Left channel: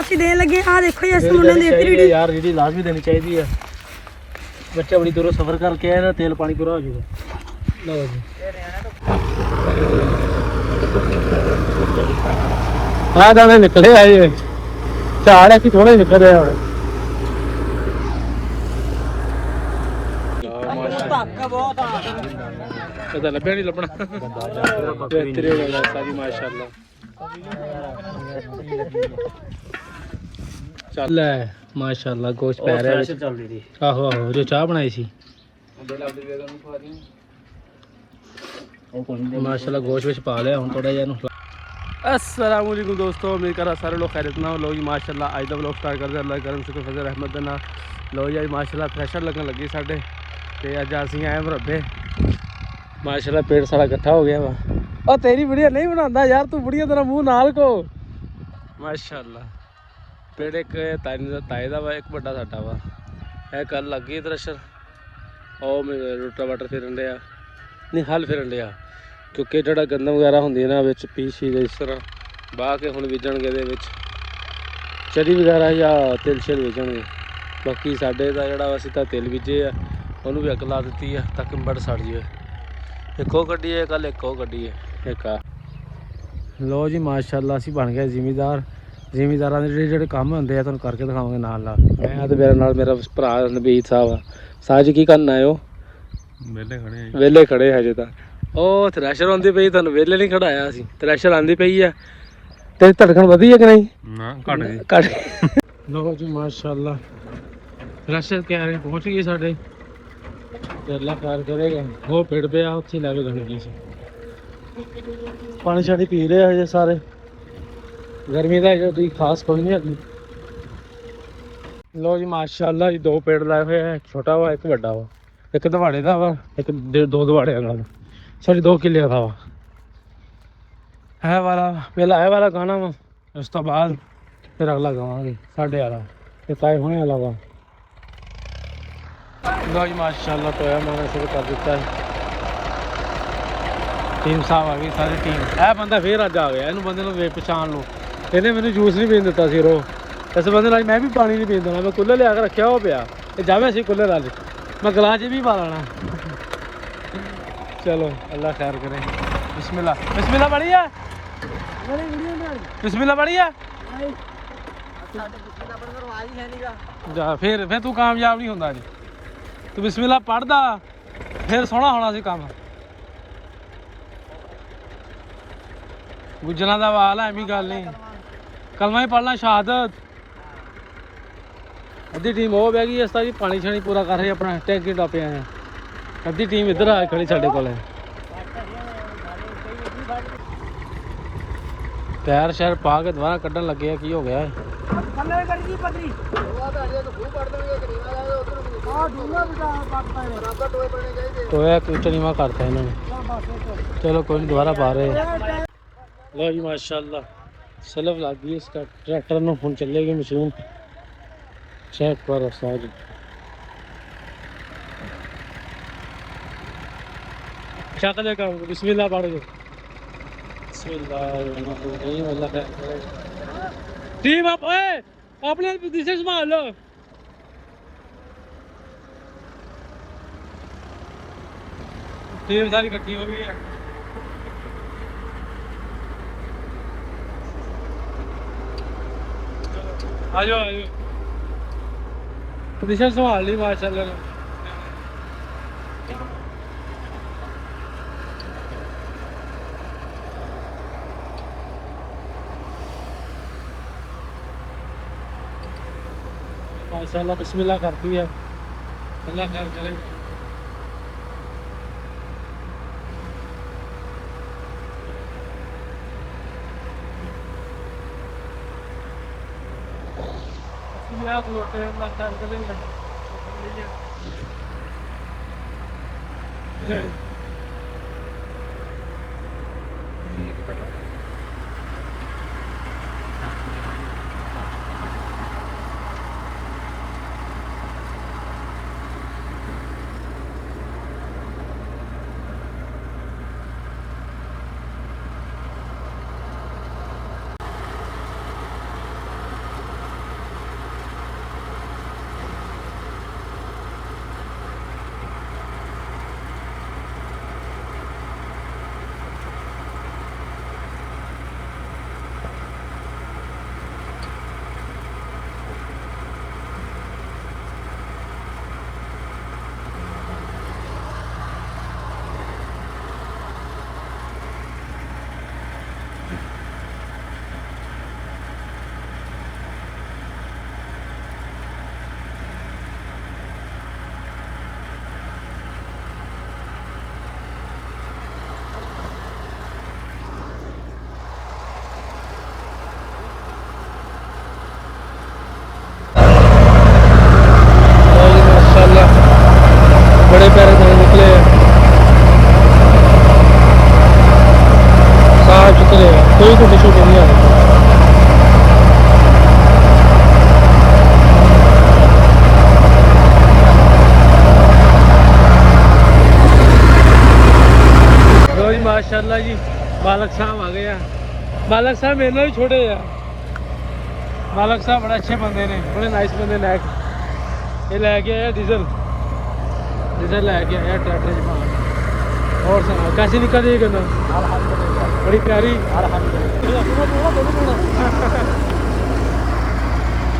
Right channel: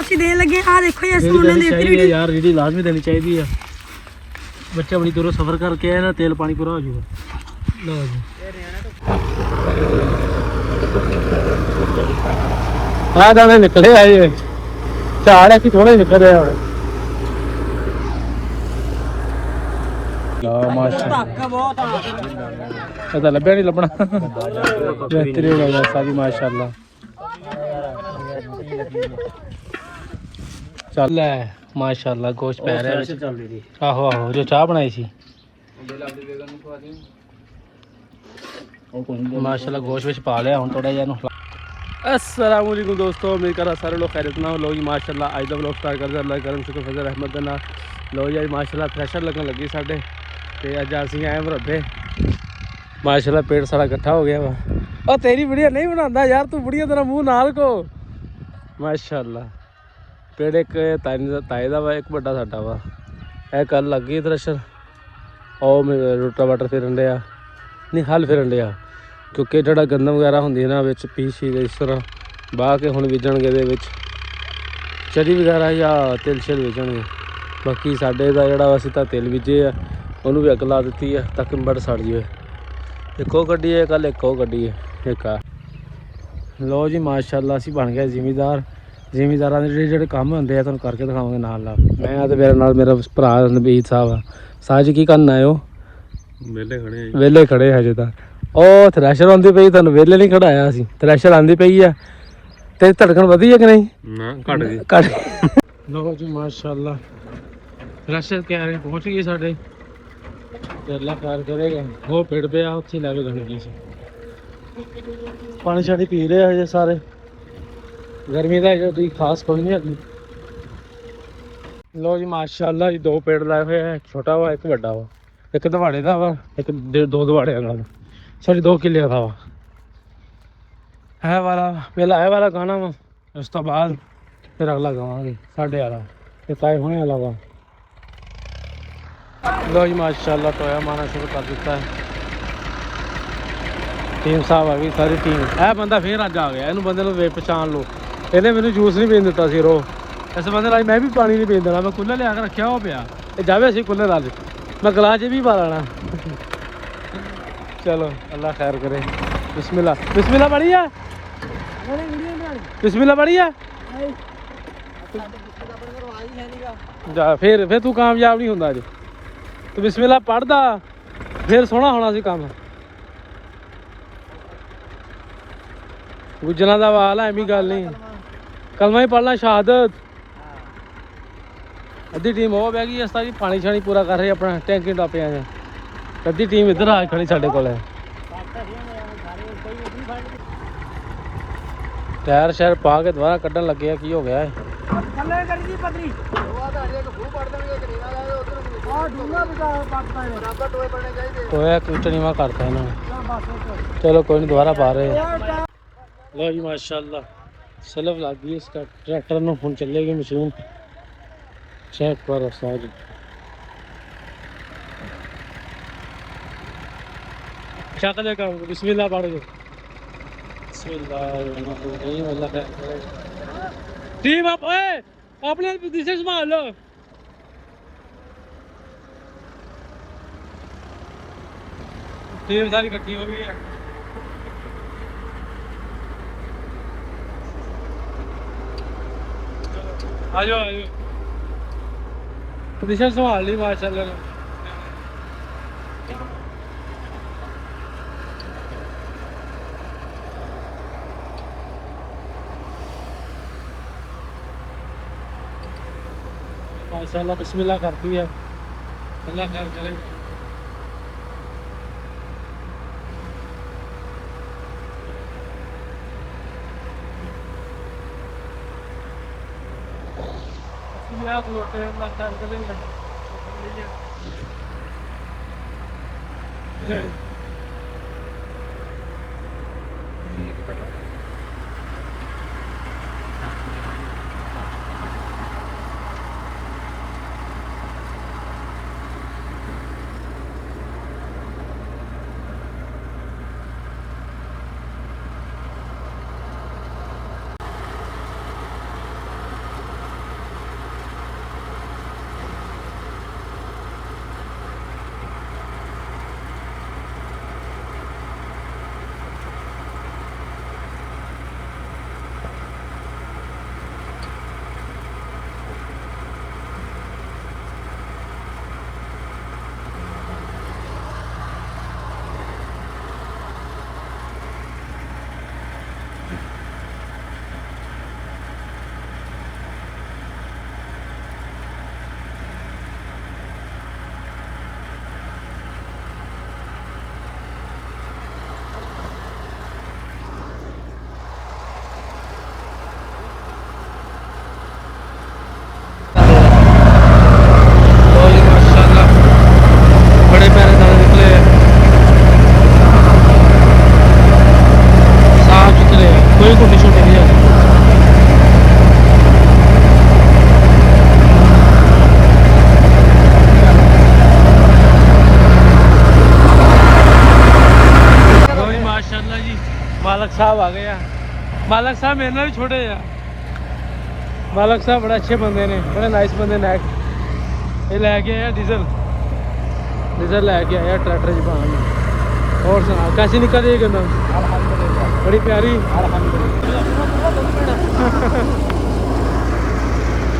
ਅਸੀਂ ਦੇਣ ਲੱਗੇ ਆ ਦੇਖੋ ਇਸ ਮੁੰਡੇ ਨੇ ਚਾਹੀਦੀ ਯਾਰ ਜਿਹੜੀ ਲਾਜ਼ਮੀ ਦੇਣੀ ਚਾਹੀਦੀ ਆ। ਬੱਚਾ ਬੜੀ ਦੂਰੋਂ ਸਫ਼ਰ ਕਰਕੇ ਆਇਆ ਨਾ, ਤੇਲ ਪਾਣੀ ਪੂਰਾ ਹੋ ਜਾਊਗਾ। ਲਓ ਜੀ ਆ ਦਾਣੇ ਨਿਕਲੇ ਆਏ ਝਾੜ ਹੈ ਕਿ ਥੋੜੇ ਨਿਕਲ ਰਿਹਾ ਹੁਣ। ਤਾਂ ਲੱਭਿਆ ਨਹੀਂ ਲੱਭਣਾ ਸਾਰੀ ਮਾਸ਼ਾਅੱਲਾ। ਚੱਲ ਹੈ ਮਾਸ਼ਾਅੱਲਾ ਗੋਸ਼ਤ ਪੈ ਰਿਹਾ ਵਿੱਚ। ਆਹੋ ਆਹੋ ਜੋ ਚਾਹ ਬਣਾਈ ਸੀ ਮਾਸ਼ਾਅੱਲਾ ਗੋਸ਼ਤ ਵਿੱਚ ਪਾ ਲਿਆ ਹੁਣ ਥੋੜਾ ਜਿਹਾ ਇਹਨੂੰ। अस्सलाम वालेकुम दोस्तों, उम्मीद कर सारे लोग खैरियत ना हो। लो जी माशाल्लाह अज का व्लॉग स्टार्ट करते अल्लाह करम शुक्र फजल रहमत दे नाल। लो जी अज माशाल्लाह फ्रैशर लगन लगी साढ़े ते अज असीं आए मरब्बे। माशाल्लाह पेट सारा इकट्ठा हो गया वा। ओ तेरी वीडियो नहीं बनांदा यार, तू वीडियो तेरा मुंह नाल को माशाल्लाह। पेड़ एक ताए दा वा, एक बड़ा साडा वा। ए कल लग गई थ्रैशर ओ रोटा वाटर फिरन दिया नहीं हल फिरन दिया क्योंकि ਜਿਹੜਾ ਗੰਦਮ ਵਗੈਰਾ ਹੁੰਦੀ ਨਾ ਵਿੱਚ ਪੀਸ ਇਸ ਤਰ੍ਹਾਂ ਬਾਹ ਕੇ ਹੁਣ ਬੀਜਣਗੇ ਇਹਦੇ ਵਿੱਚ ਚਰੀ ਵਗੈਰਾ ਜਾਂ ਤਿਲ ਛਿਲ ਬੀਜਣਗੇ। ਬਾਕੀ ਸਾਡੇ ਦਾ ਜਿਹੜਾ ਅਸੀਂ ਤਾਂ ਤਿਲ ਬੀਜੇ ਆ ਉਹਨੂੰ ਵੀ ਅੱਗ ਲਾ ਦਿੱਤੀ ਆ ਤਾਂ ਕੰਬੜ ਸੜ ਜਾਵੇ। ਇੱਕ ਉਹ ਗੱਡੀ ਹੈ ਕੱਲ, ਇੱਕ ਉਹ ਗੱਡੀ ਹੈ ਇੱਕ ਆ। ਲੋ ਜੀ ਮਾਸ਼ਾਅੱਲਾ ਅਸੀਂ ਬਣ ਗਏ ਜ਼ਿਮੀਦਾਰਾਂ ਦੇ ਜਿਹੜੇ ਕੰਮ ਹੁੰਦੇ ਆ ਤੁਹਾਨੂੰ ਕਰਕੇ ਦਿਖਾਵਾਂਗੇ ਨਾਲ ਨਾਲ। ਮੈਂ ਆ ਤੇ ਮੇਰੇ ਨਾਲ ਮੇਰਾ ਭਰਾ ਨਬੀਦ ਸਾਹਿਬ। ਸਾਜ ਕੀ ਕਰਨ ਆਏ ਹੋ? ਵਿਹਲੇ ਖੜੇ ਹਜੇ ਤਾਂ। ਉਹ ਥ੍ਰੈਸ਼ਰ ਆਉਂਦੀ ਪਈ, ਤੁਹਾਨੂੰ ਵਿਹਲੇ ਨਹੀਂ ਖੜਾਇਆ ਅਸੀਂ। ਥ੍ਰੈਸ਼ਰ ਆਉਂਦੀ ਪਈ ਆ ਤੇ ਧੜਕਣ ਵਧੀ ਹੈ ਕਿ ਨਹੀਂ? ਘਟ ਗਈ। ਲੋ ਜੀ ਮਾਸ਼ਾਅੱਲਾ ਥ੍ਰੈਸ਼ਰ ਕਿਆਰੇ ਪਹੁੰਚ ਗਈ ਸਾਡੇ। ਅੱਲਾ ਖੈਰ ਕਰੇਗਾ। ਉਹ ਪੇੜ ਪਿਆ ਉੱਥੇ ਲੈ ਕੇ ਜਾਣੀ ਸੀ। ਪਾਣੀ ਛਾਣੀ ਪੀ ਰਹੇ ਹਜੇ ਸਾਰੇ। ਗਰਮੀ ਦਾ ਕੋਈ ਖਾਸ ਕੋਈ ਨਹੀਂ ਹੈਗੀ। ਲੋ ਜੀ ਮਾਸ਼ਾਅੱਲਾ ਇਹ ਦੋ ਪੇੜ ਲਾਏ ਹੋਏ ਆ, ਇੱਕ ਛੋਟਾ ਵਾ ਇੱਕ ਵੱਡਾ ਵਾ। ਇੱਕ ਦਵਾੜੇ ਦਾ ਵਾ, ਇੱਕ ਦੋ ਦਵਾੜਿਆਂ ਨਾਲ। सॉरी 2 किले का वा। है वाला पहला है वाला गाना वा, उस तो बाद फिर अगला गावांगे साढ़े वाला ये तय होने वाला वा। लो जी माशाअल्लाह टोया मारना शुरू कर दिता है। 3 साल हो गए सारी टीम। हाँ बंदा फिर अज आ गया, इन बंदे ने वे पहचान लो। इन्हें मैंने जूस भी पीन दिता सी रो। इस बंदे मैं भी पानी नहीं पीन देना। मैं कूलर लिया के रखा हो पिया जावे असी कूलर अज मैं गिलास भी पा लेना। चलो अल्लाह खैर करो। बिस्मिल्लाह बिस्मिल्लाह बढ़िया बिस्मिल्लाह बढ़िया जा फिर तू कामयाब नहीं होंदा तो बिस्मिल्लाह पढ़दा फिर सोहना होना सी काम। विजना दा वाल है एवी गल नहीं। कलमा ही पढ़ना शहादत। अद्धी टीम हो बह गई। इस तरह पानी शानी पूरा कर रहे अपना टेंशन टप्पे आए। अद्धी टीम इधर आ खड़ी साढ़े कोल है। टायर शायर पा के दोबारा कड्ढन लगे की हो गया। टोया कुछ नीवा करता इन्होंने। चलो कोई नहीं दोबारा पा रहे। लो जी माशाअल्लाह सलफ लग गई इसका ट्रैक्टर में। हुण चलेगी मशीन। चेक करो सारी शक्ल का। बिस्मिल्लाह पढ़ दो। बिस्मिल्लाह टीम आप अपने पोजीशन संभाल लो। टीम सारी इकट्ठी हो गई है। आ जाओ पोजीशन संभाल ली माशाअल्लाह। माशाअल्लाह बिस्मिल्लाह करती है। अल्लाह खैर करे। अल्लाह खैर करेंगे। ਮਾਲਕ ਸਾਹਿਬ ਆ ਗਏ ਆ। ਮਾਲਕ ਸਾਹਿਬ ਮੇਰੇ ਨਾਲ ਵੀ ਛੋਟੇ ਆ। ਮਾਲਕ ਸਾਹਿਬ ਬੜੇ ਅੱਛੇ ਬੰਦੇ ਨੇ, ਬੜੇ ਨਾਈਸ ਬੰਦੇ ਨੇ। ਇਹ ਲੈ ਕੇ ਆਇਆ ਡੀਜ਼ਲ ਲੈ ਕੇ ਆਇਆ ਟਰੈਕਟਰ ਦੀ कैसे निकल रही है बड़ी प्यारी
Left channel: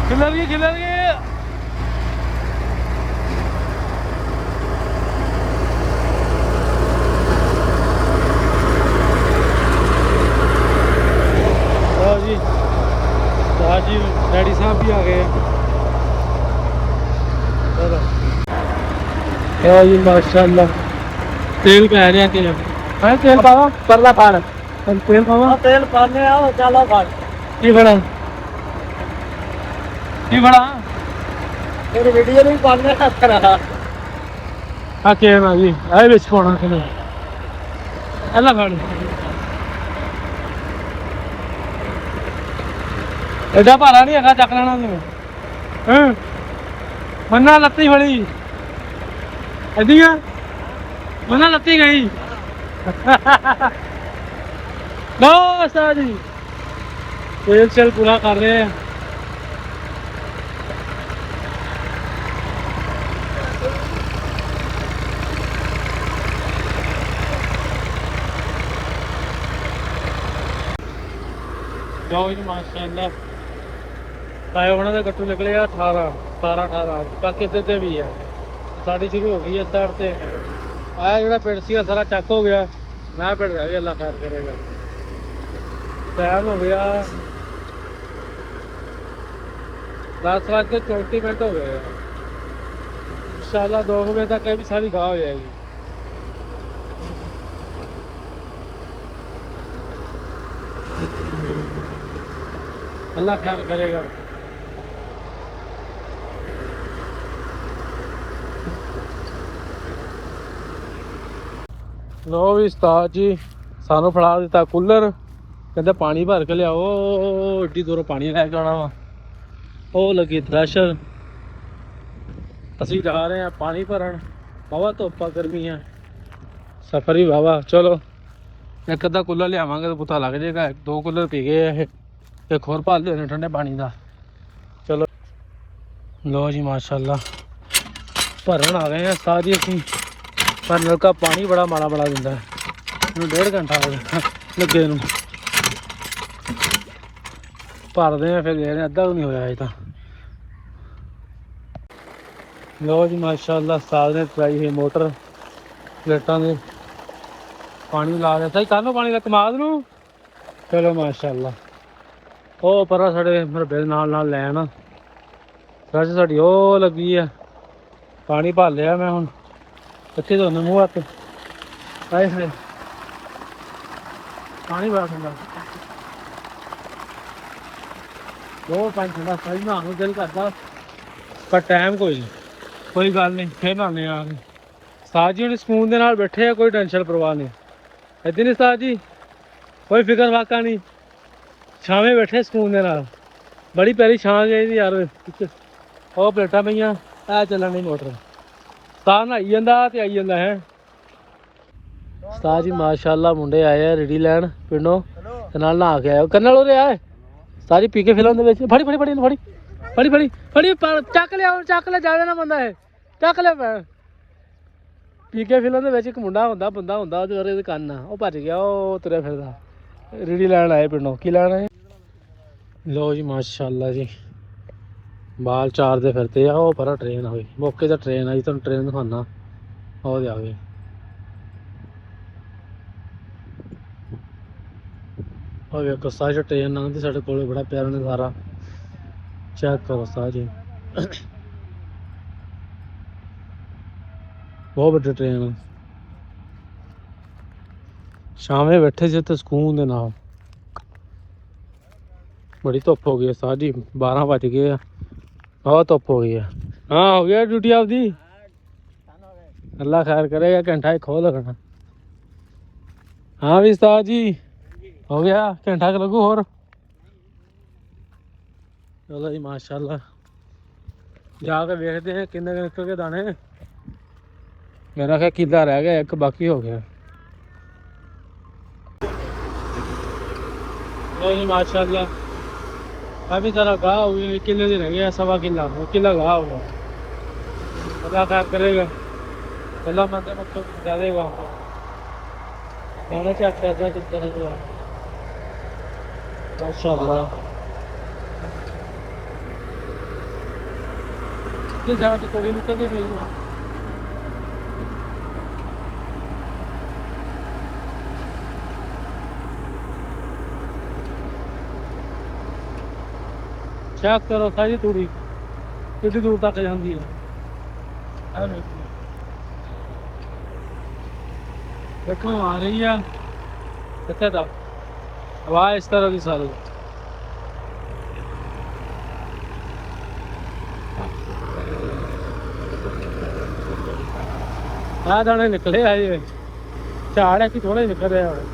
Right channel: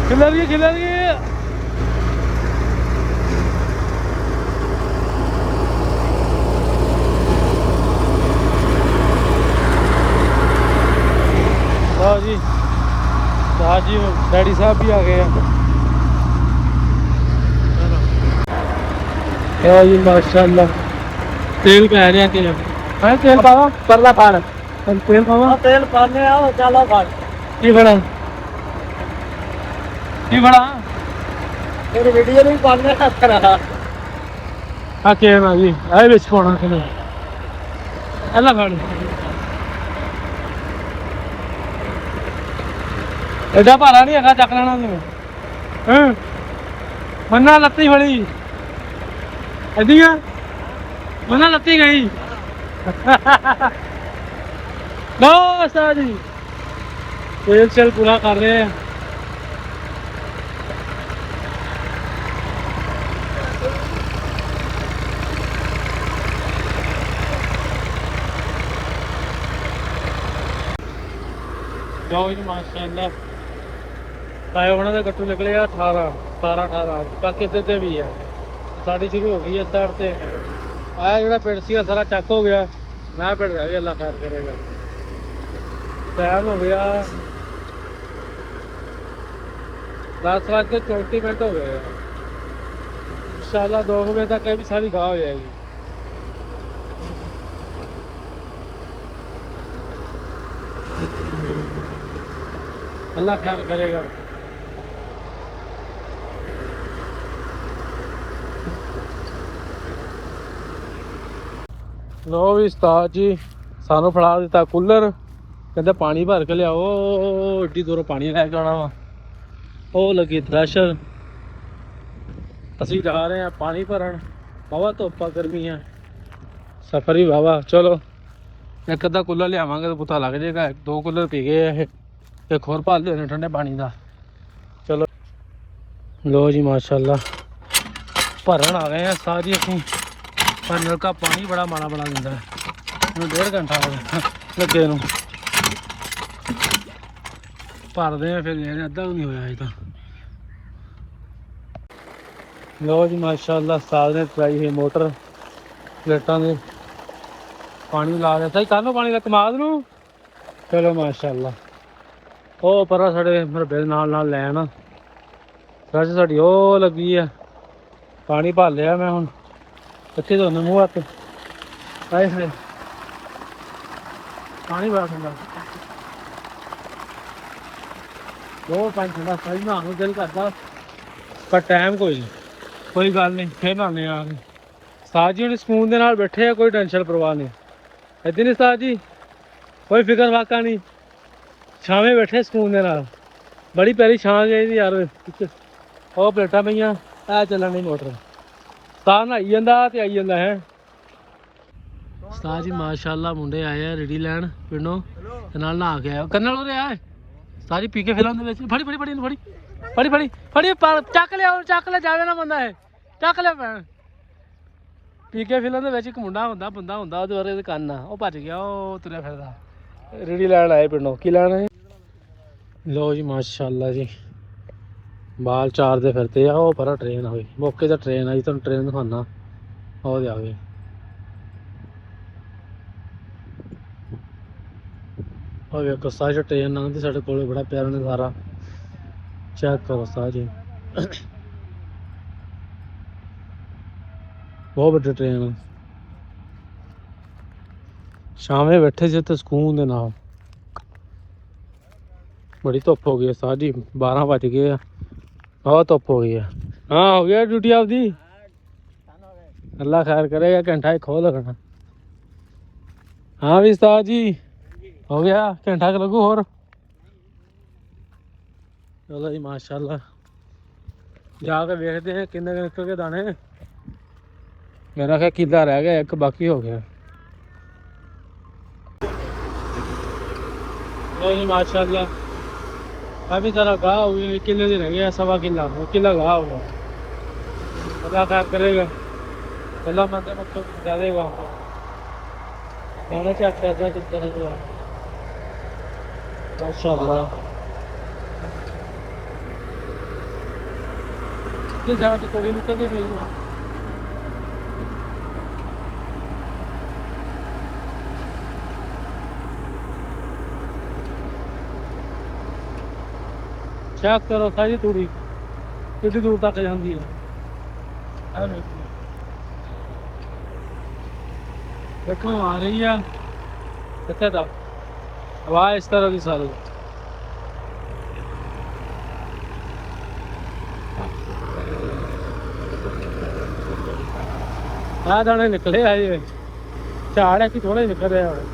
खिलाइए जी डैडी साहब भी आ गए हैं। चलो जी माशाल्लाह तेल पै रहा कि तेल पावा परला फाड़ तेल पावा तेल पाने आओ चलो फाड़ की बड़ा मेरी वीडियो नहीं पाने रहा हाँ के ना जी आए बिच पाना कि अल्लाह फाड़ एडा भारा नहीं है चक लेना तू मन्ना लत्ती फड़ी एदिया मना लत्ती गई बस जी तेल चल पूरा कर रहे हैं। जाओ जी माशाल्लाह पाए होना तो गट्टू निकले 18 बाकी इधर भी है साड़ी शुरू हो गई है साइड से आया जो पिंड सी सारा चक हो गया। मैं पिंड रह गया, अल्लाह खैर करेगा। टाइम हो गया 10:34 हो गए। इंशाल्लाह 2 बजे तक ये भी सारी गाह हो जाएगी। अल्लाह खैर करेगा। लो भी उस्ताद जी सानू फड़ा दिता कूलर, कहते पानी भर के लियाओ। एड्डी दूरों पानी लैके आना वा। वो लगी थ्रैशर, असी जा रहे हैं पानी भरन। वाहवा धुप्प गर्मी है, सफर भी वाहवा। चलो एक अद्धा कूलर लियावांगे तो पता लग जाएगा। 2 कूलर पी गए एक होर भर लेने ठंडे पानी का। चलो लो जी माशाल्लाह भरन आ गए हैं सारी असी। पर नलका पानी बड़ा माड़ा दिंदा है। 1.5 घंटा हो गया लगे नूं भरदे हैं, फिर लेने अद्धा भी नहीं होया अजे तां। लो जी माशाल्लाह साल ने चलाई है मोटर प्लेटां दे पानी ला दिया। सही कर लो पानी का कमाद नूं। चलो माशाल्लाह ओ परा साढ़े मरबे नाल लैन सच साड़ी ओ लगी है। पानी भर लिया मैं हुण इत्थे धोने मूँह हत्थ। हाय हाय पानी बड़ा ठंडा। 2 पानी ठंडा सही नहाने दिल करदा, पर टाइम कोई गल नहीं, फिर नहाने आ गए। उस्ताद जी हुण सकून दे नाल बैठे आ, कोई टेंशन परवाह नहीं। इदां नहीं उस्ताद जी, कोई फिकर फाका नहीं, छावें बैठे सकून दे नाल। बड़ी प्यारी छां चाहिदी यार। ਉਹ प्लेटां पईयां ऐ चलन नहीं मोटर। उस्ताद नहाई जांदा ते आई जांदा है। उस्ताद जी माशाल्लाह मुंडे आए हैं रेडी लैन पिंडों ते नाल नहा के आए। कन्नल उरे आए सारी पी के फिल्म दे विच फड़ी चक लिया जावे ना बंदा है चक लिया। पी के फिल्म दे विच इक मुंडा हुंदा बंदा हुंदा ओहदे बारे कंन आ, ओह भज गया, ओह तुरया फिरदा। रेडी लैन आए पिंडों। की लैन है? लो जी माशाल्लाह जी बाल चारते फिरते आ। वो पर ट्रेन आई मौके तो ट्रेन आई, तुम ट्रेन दिखाना। वो आ गई वेखो साज ट्रेन लंघदी साढ़े कोल, बड़ा प्यारा नज़ारा। चेक करो साज बहुत बड़ी ट्रेन। शामे बैठे से तो सुकून दे नाल। बड़ी धुप्प हो गई है साज जी, 12 बज गए। बहुत धुप्प हो गई है। हाँ हो गया ड्यूटी आपकी, अल्लाह खैर करेगा। घंटा एक हो लगना। हाँ भी उस्ताद जी हो गया घंटा क लगू होर। चलो जी माशाल्लाह जाके देखते हैं किन्ने निकल के दाने। मेरा ख्याल किला रह गया एक, बाकी हो गया। जी माशाल्लाह काफ़ी सारा गाह हुए किले दिन रह गया 1.25 किला किला गाह हुआ अल्लाह खैर करेगा अल्लाह मंदे मतलब ज्यादा देगा खाना चेक करना कितना हुआ माशाल्लाह ये जगह तो थोड़ी निकल गई है चेक करो सारी तूड़ी कितनी दूर तक जाती है देखो आ रही है कितने तक हवा इस तरह की सारी दाने निकले है ये झाड़ है कि थोड़े निकल रहे हैं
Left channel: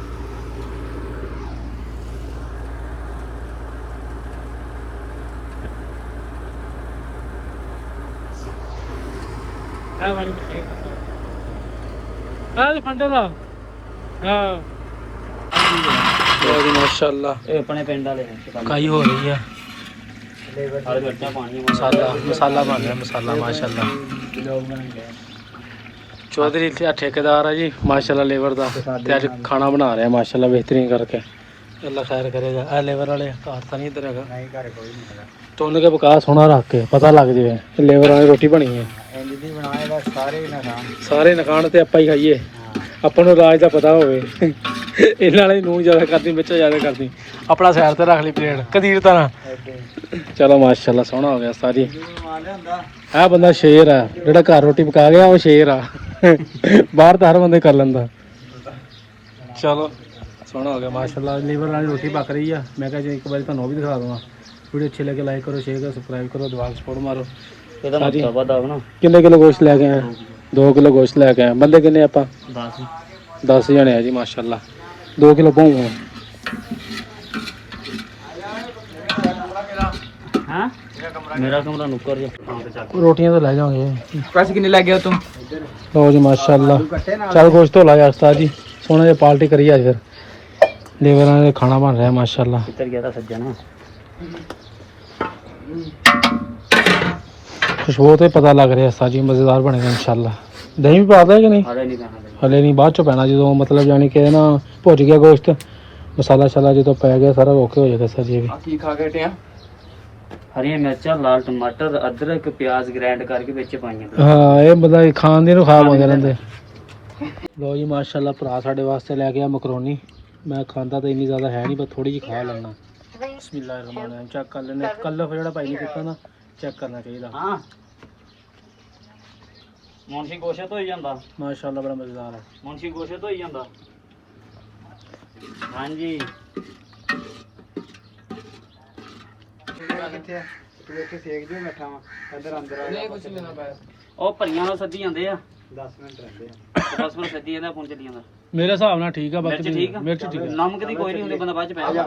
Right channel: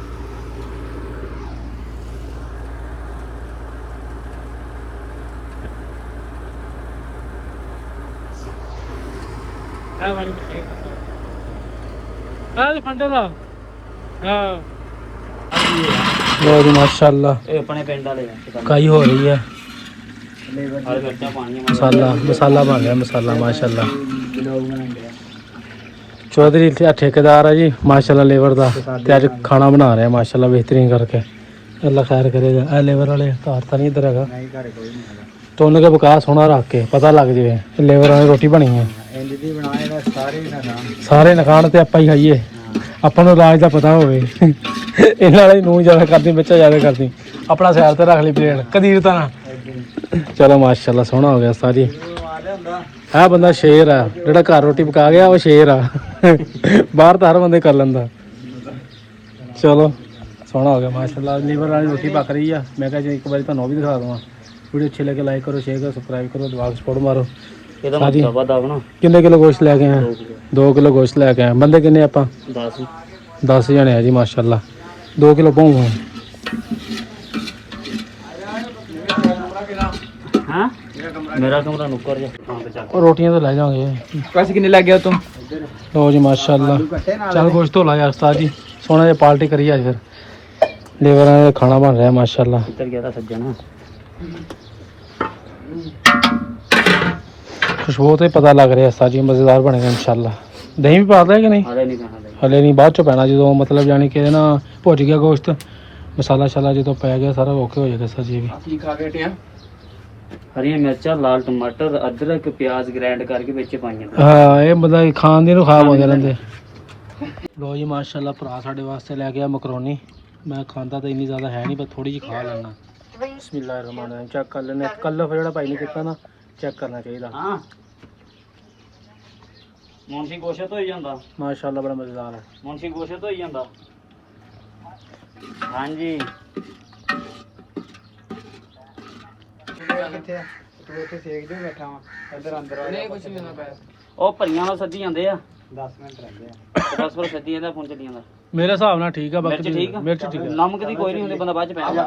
फंडे का हाँ लो जी माशाल्लाह काई हो रही है मसाला मसाला बन रहा मसाला माशाल्लाह चौधरी ठेकेदार है जी माशाल्लाह लेबर का ते अज खाना बना रहे हैं माशाल्लाह बेहतरीन करके अल्लाह खैर करेगा ए लेबर वाले घर तो नहीं इधर है टोन के विकास होना रख के पता लग जाए लेबर वाले रोटी बनी है सारे नखाण ते आप ही खाइए अपन राज का पता हो नूह ज्यादा करती मिर्चा ज्यादा करती अपना सैर ते रख ली प्लेट कदीरता ना चलो माशाल्लाह सोहना हो गया सारी है बंदा शेर है जो घर रोटी पका गया वो शेर आ बाहर तो हर बंदे कर लेंदा चलो सोहना हो गया माशाल्लाह लीवर वाली रोटी पक रही है मैं कहा जी एक बार तुहानू भी दिखा दूँगा वीडियो अच्छी लगे लाइक करो शेयर करो सब्सक्राइब करो दुआ सपोर्ट मारो किन्ने किलो गोश्त लैके आए 2 किलो गोश्त लैके आए बंदे किन्ने आप 10 जने है जी माशाल्लाह 2 किलो पाऊँ रोटियां तो ले जाओगे पैसे कितने लग गया तुम लो जी माशाल्लाह चल गोश्त तो लाया उस्ताद जी सोना जी पार्टी करिए आज फिर लेबर खाना बन रहा है माशाल्लाह खुशबू तो पता लग रहा है उस्ताद जी मजेदार बनेगा इंशाल्लाह दही भी पा देगा कि नहीं हले नहीं बाद चो पैना जो मतलब जानी कि ना भुज गया गोश्त मसाला शाला जो पै गया सारा ओके हो जाएगा सर जी भी हरी मिर्चा लाल टमाटर अदरक प्याज ग्राइंड करके ਵਿੱਚ ਪਾਈਆਂ हाँ ये बंदा खान दी खा पाते रहते लो जी माशाल्लाह भरा साढ़े वास्ते लै गया मकरोनी मैं खाता तो इन्नी ज़्यादा है नहीं बस थोड़ी जी खा लेना बिस्मिल्लाहिर्रहमानिर्रहीम चेक कर लेने कलर जो भाई ने किया ना चेक करना चाहिए हाँ मुंशी गोश्त हो ਜਾਂਦਾ माशाल्लाह बड़ा मज़ेदार है मुंशी गोश्त हो ਜਾਂਦਾ हाँ जी ਉਹ ਭਈਆਂ ਸੱਦੀ ਜਾਂਦੇ ਆ 10 ਮਿੰਟ ਰਹਿੰਦੇ ਆ 10 ਮਿੰਟ ਸੱਦੀ ਜਾਂਦਾ ਫੋਨ ਚੱਲੀ ਜਾਂਦਾ मेरे हिसाब ਨਾਲ ठीक है बाकी ठीक है मिर्च ठीक है नमक ਦੀ ਕੋਈ ਨਹੀਂ ਹੁੰਦੀ ਬੰਦਾ ਬਾਅਦ ਚ ਪੈ ਜਾ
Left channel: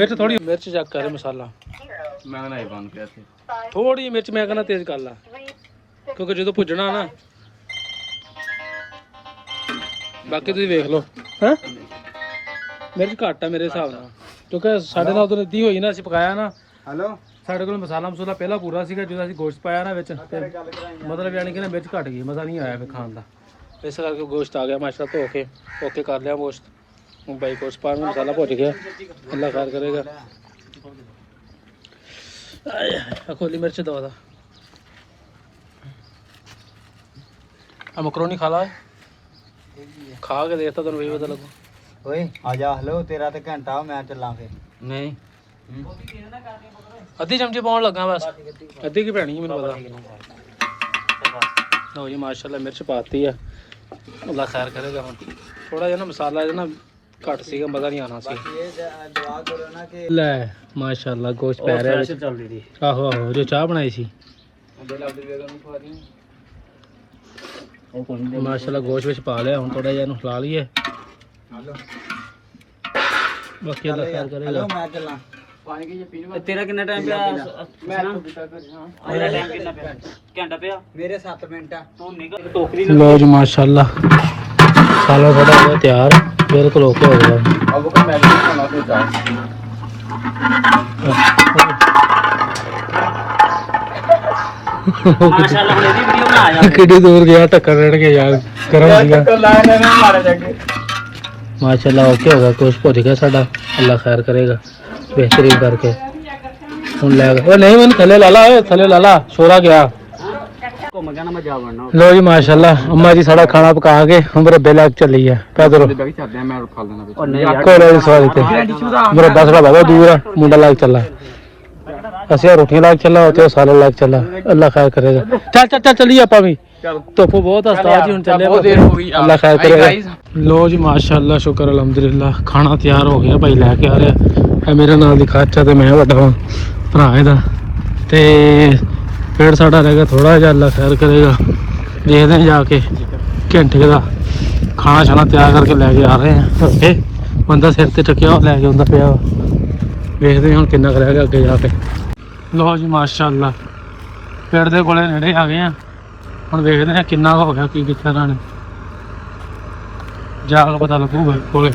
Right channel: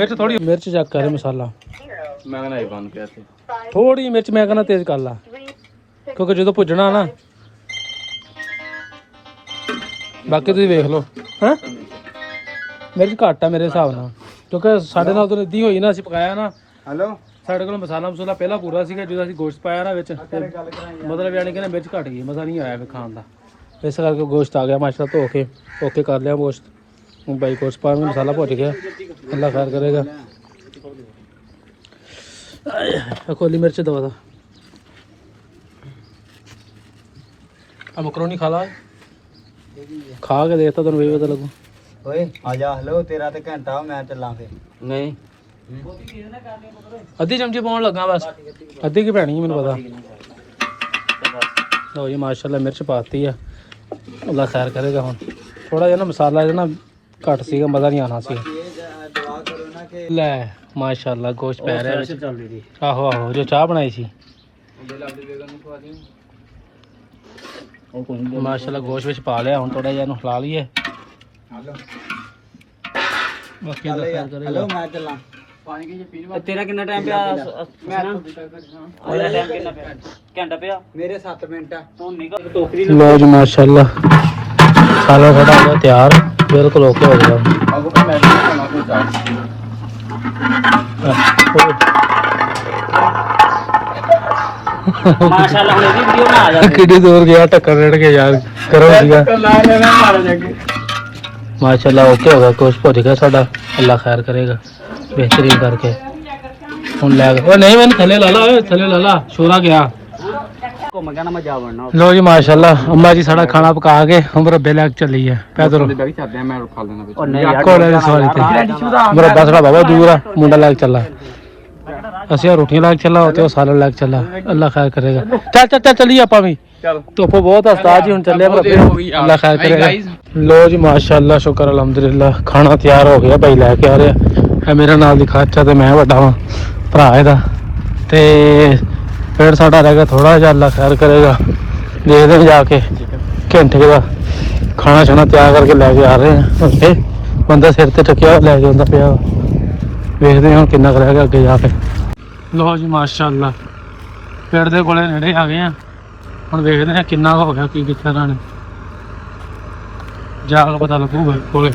मिर्च थोड़ी मिर्च चेक कर मसाला मैं कहना बंद पिया थोड़ी मिर्च मैं कहना तेज कर ला क्योंकि जो भुजना ना बाकी तुम वेख लो मिर्च घट है मेरे हिसाब ਨਾਲ क्योंकि साढ़े नाल तो इदी होई ना ਅਸੀਂ ਪਕਾਇਆ ਨਾ ਸਾਡੇ ਕੋਲ ਮਸਾਲਾ ਮਸੂਲਾ ਪਹਿਲਾਂ ਪੂਰਾ ਸੀਗਾ ਜਦੋਂ ਅਸੀਂ ਗੋਸ਼ਤ ਪਾਇਆ ਨਾ ਵਿੱਚ ਤੇ ਮਤਲਬ ਯਾਨੀ ਕਿ ਨਾ ਮਿਰਚ ਘਟ ਗਈ ਮਜ਼ਾ ਨਹੀਂ ਆਇਆ ਵੇ ਖਾਣ ਦਾ ਇਸ ਕਰਕੇ ਗੋਸ਼ਤ ਆ ਗਿਆ ਮਾਸ਼ਾਅੱਲਾ ਧੋ ਕੇ ਓਕੇ ਕਰ ਲਿਆ ਗੋਸ਼ਤ ਹੁਣ ਬਾਈ ਗੋਸ਼ਤ ਪਾ ਮਸਾਲਾ ਭੁੱਜ ਗਿਆ ਅੱਲਾ ਖੈਰ ਕਰੇਗਾ खोली मिर्च दवा दा मकरोनी खा ला खा के देखता तेन भी पता लगू ओए आजा हेलो तेरा ते घंटा मैं चलां फिर नहीं अद्धी चमची पाउन लगा बस अद्धी की पैनी मैनू पता लो जी माशाल्लाह मिर्च पाती है अल्लाह खैर करेगा हुण थोड़ा जिहा ना मसाला जो ना घट सीगा मज़ा नहीं आना सी लै माशाल्लाह गोश्त पै रहा है आहो आहो जो चाह बनाई सी माशाल्लाह गोश्त विच पा लिया हुण थोड़ा जिहा इहनूं हिला लईए बाकी अल्लाह खैर करेगा तेरा कितना टाइम पे घंटा पे मेरे 7 मिनट तू निकल टोकरी लो जी माशाल्लाह साला थोड़ा तैयार बिल्कुल ओके हो गया अब का मैच होना माशाल्लाह हम वीडियो में आ जाए किड्डी दूर गया टक्कर रेड़ के यार गरम सीगा माशाल्लाह ओके होगा कुछ भुज गया साडा अल्लाह खैर करेगा बेहतरीन करके ਹੁਣ ਲੈ ਗਿਆ ਉਹ ਨਹੀਂ ਮੈਨੂੰ ਥੱਲੇ ਲਾ ਲਾ ਓਏ ਥੱਲੇ ਲਾ ਲਾ ਛੋਰਾ ਗਿਆ घूम गया ना मैं जा वरना ਲੋ ਜੀ ਮਾਸ਼ਾਅੱਲਾ ਅੰਮਾ ਜੀ ਸਾਡਾ ਖਾਣਾ ਪਕਾ ਕੇ ਹੁਣ ਮੁਰੱਬੇ ਲੈ ਕੇ ਚੱਲੀ ਹੈ ਪੈਦਲ और नहीं ਕੋਲੇ ਦੀ ਸਵਾਰੀ ਤੇ ਮੁਰੱਬਾ ਸਾਡਾ ਬਾਬਾ ਦੂਰ ਆ ਮੁੰਡਾ ਲੈ ਕੇ ਚੱਲਾ ਅਸੀਂ ਰੋਟੀਆਂ ਲੈ ਕੇ ਚੱਲਾ ਉੱਥੇ ਉਹ ਸਾਲੇ ਲੈ ਕੇ ਚੱਲਾ ਅੱਲਾ ਖੈਰ ਕਰੇਗਾ ਚੱਲ ਚੱਲ ਚੱਲ ਚੱਲੀਏ ਆਪਾਂ ਵੀ ਧੁੱਪ ਬਹੁਤ ਆ ਉਸਤਾਦ ਜੀ ਹੁਣ ਚੱਲੇ ਅੱਲਾ ਖੈਰ ਕਰੇਗਾ ਲੋ ਜੀ ਮਾਸ਼ਾਅੱਲਾ ਸ਼ੁਕਰ ਅਲਹਮਦੁਲਿਲਾ ਖਾਣਾ ਤਿਆਰ ਹੋ ਗਿਆ ਭਾਈ ਲੈ ਕੇ ਆ ਰਿਹਾ ਇਹ ਮੇਰਾ ਨਾਲ ਦੀ ਖਾਚਾ ਤੇ ਮੈਂ ਵੱਡਾ ਵਾਂ ਭਰਾ ਇਹਦਾ ਤੇ ਫਿਰ ਸਾਡਾ ਰਹਿ ਗਿਆ ਥੋੜਾ ਜਿਹਾ ਅੱਲਾ ਖੈਰ ਕਰੇਗਾ ਦੇਖਦੇ ਹਾਂ ਜਾ ਕੇ ਘੰਟੇ ਦਾ ਖਾਣਾ ਛਾਣਾ ਤਿਆਰ ਕਰਕੇ ਲੈ ਕੇ ਆ ਰਹੇ ਹਾਂ ਉੱਥੇ ਬੰਦਾ ਸਿਰ ਤੇ ਟਕਿਆ ਲੈ ਕੇ ਆਉਂਦਾ ਪਿਆ ਵੇਖਦੇ ਹਾਂ ਕਿੰਨਾ ਕੁ ਰਹਿ ਗਿਆ ਅੱਗੇ ਜਾ ਕੇ ਲੋ ਜੀ ਮਾਸ਼ਾਅੱਲਾ ਪੇੜ ਦੇ ਕੋਲੇ ਨੇੜੇ ਆ ਗਏ ਆ ਹੁਣ ਵੇਖਦੇ ਹਾਂ ਕਿੰਨਾ ਕੁ ਹੋ ਗਿਆ ਕੀ ਕਿੱਥੇ ਰਾਣੇ ਜਾ ਕੇ ਪਤਾ ਲੱਗੂਗਾ ਕੋਲੇ